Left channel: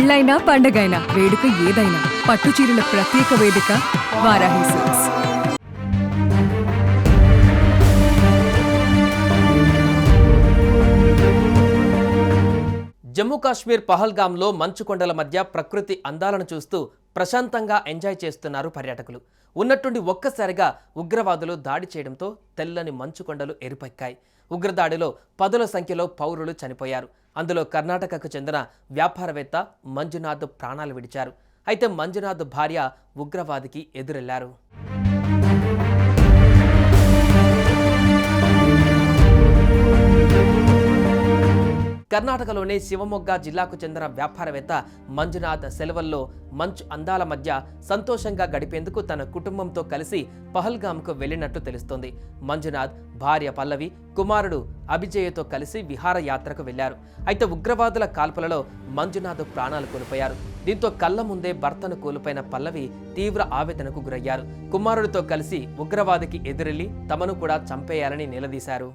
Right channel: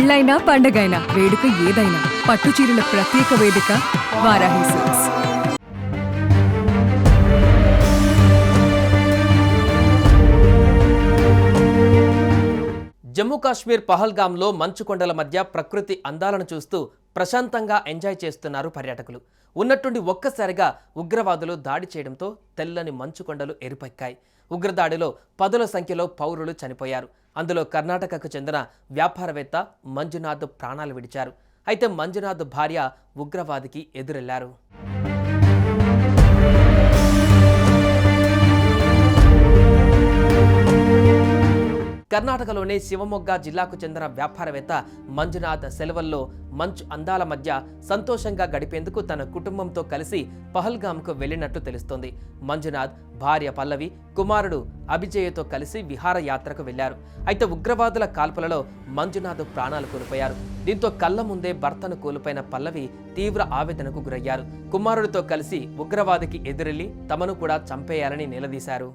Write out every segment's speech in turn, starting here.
పెళ్ళైనా పండగైనా వేడుక ఏదైనా పట్టు చీరల ప్రత్యేక వేదిక వారాహి సిల్క్స్. జమ్మూ కాశ్మీర్ పహల్గామ్లో మంచు కొండల మధ్య ప్రకృతి అందాలను చూస్తూ ప్రశాంతంగా ఎంజాయ్ చేస్తున్నారు పర్యాటకులు. ఉన్నట్టుండి ఒక్కసారిగా ఉగ్రవాదులు దాడి చేయడంతో తెల్లని మంచు కొండలు ఎరుపెక్కాయి. ఉగ్రదాడిలో పదుల సంఖ్యలో పౌరులు చనిపోయారు. అందులో కర్ణాటకకు చెందిన వ్యాపారవేత్త మంజునాథ్ ప్రాణాలు విడిచారు. అయితే మంజునాథ్ భార్య ఉగ్రవాదికి ఎదురెళ్లారు. కర్ణాటకలోని శివమొగ్గ జిల్లాకు చెందిన వ్యాపారవేత్త మంజునాథ్ సెలవుల్లో మంచు అందాల మధ్య సంతోషంగా గడిపేందుకు తన కుటుంబంతో కలిసి పహల్గామ్కు వెళ్లినట్టు తెలుస్తోంది. మంజునాథ్ భార్య పల్లవి, కుమారుడు అభిజయ్తో కలిసి విహారయాత్రకు వెళ్లారు. అయితే ఉగ్రవాదుల కాల్పులలో మంజునాథ్ ప్రాణాలు కోల్పోయారు. దీంతో కళ్ల ముందే భర్తను కోల్పోయిన పల్లవి తీవ్ర ఆవేదనకు గురయ్యారు. కుమారుడితో కలిసి ఉగ్రవాదికి ఎదురెళ్లి తమను కూడా చంపేయాలని నిలదీశారు.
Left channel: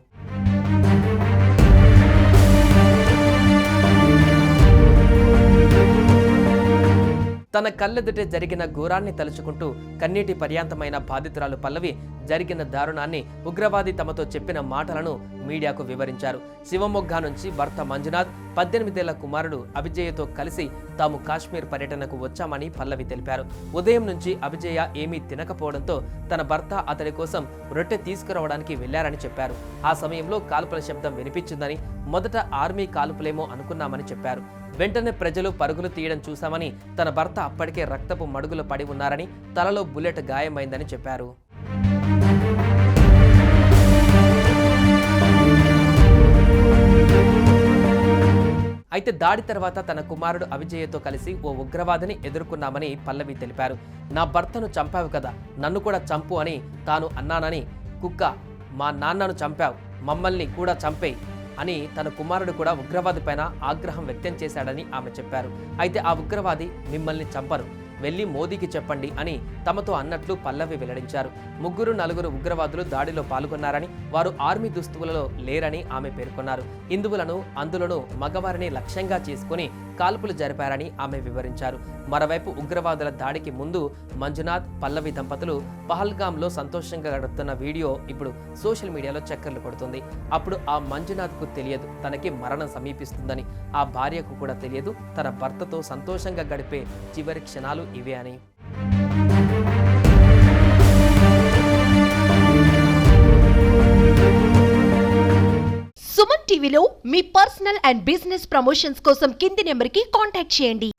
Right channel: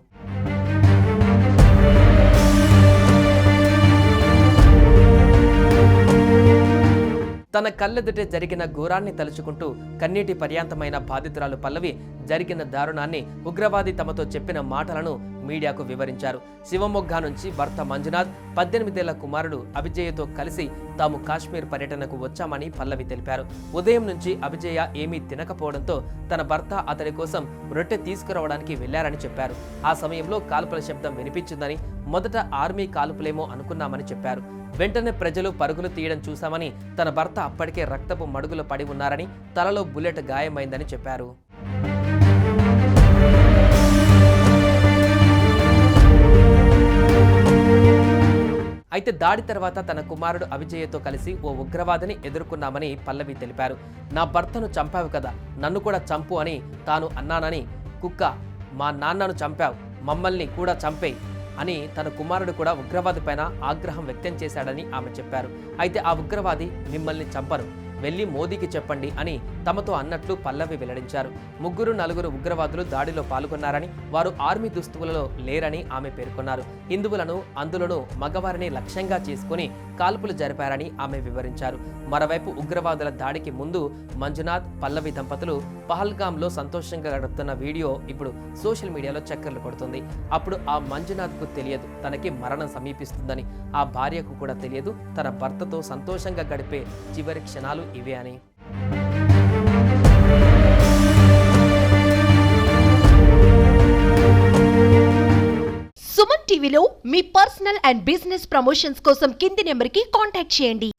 తన కళ్ళెదుటే జరిగిన ఘోరాన్ని తలుచుకుంటూ కన్నీటి పర్యాంతమైన బాధితురాలు పల్లవి జరిగిన దారుణాన్ని, ఉగ్రవాది తమతో చెప్పిన మాటలను మీడియాకు వివరించారు. శివమొగ్గ నుంచి భర్త మంజునాథ్, 18 ఏళ్ల కుమారుడు అభిజయ్తో కలిసి తాము కాశ్మీర్ పర్యటనకు వచ్చామని పల్లవి తెలిపారు. ఉదయం నుంచి అభిజయ ఏమీ తినకపోవడంతో తన భర్త అతడి కోసం రొట్టె తీసుకురావడానికి వెళ్లారని చెప్పారు. ఆ సమయంలో కాల్పుల శబ్దం వినిపించిందని, మొదట ఆర్మీ కాల్పులేమో అనుకున్నామని చెప్పారు. వెంటనే ప్రజలు పరుగులు తీయడం చూశామని, తన భర్త అప్పటికే రక్తపు మడుగులు పడి ఉన్నారని, తలలో బుల్లెట్ గాయమైందని చెప్పారు. అయితే దాడి తర్వాత తన కుమారుడు అభిజయ్తో కలిసి ఓ ఉగ్రవాదిని ఎదుర్కొన్నామని పల్లవి తెలిపారు. నా భర్తను చంపావు కదా, నన్ను కూడా చంపు అని తాను అన్నానని, కుక్క మా నాన్నను చంపావు, మమ్మల్ని కూడా చంపేయి అని తన కుమారుడు కూడా ఉగ్రవాది పైన ఆగ్రహం వ్యక్తం చేశాడని ఆమె చెప్పారు. అయితే ఆ ఉగ్రవాది మిమ్మల్ని చంపరు, వెళ్లి మోదీకి చెప్పండి అని తమతో అన్నట్లు పల్లవి వెల్లడించారు. 3-4 ఉగ్రవాదులు దాడిలో పాల్గొన్నారని, వారు ఆర్మీ దుస్తువులలో లేరని ఆమె పేర్కొన్నారు. హిందువులను, అందులోనూ మగవారిని లక్ష్యంగా చేసుకుని కాల్పులు జరిపారని ఆమె వివరించారు. మరోవైపు ఉగ్రవాదుల దాడికి ముందు మంజునాథ్, పల్లవి దంపతులు పహల్గామ్లో సంతోషంగా గడుపుతున్న వీడియో ఇప్పుడు సోషల్ మీడియాలో చక్కర్లు కొడుతుంది. అప్పుడు ఆ మంజునాథ్కు తెలియదు తనకి మరణం సమీపిస్తుందని, ఆ భార్యకు కూడా తెలియదు తన భర్తతో సంతోషంగా గడిపే చివరి క్షణాలు ఇవే అని. సుమన్ టీవీలో మీ పర్సనల్ అండ్ బిజినెస్ ప్రమోషన్స్ కోసం కింది నెంబర్కి కాంటాక్ట్ చేయండి.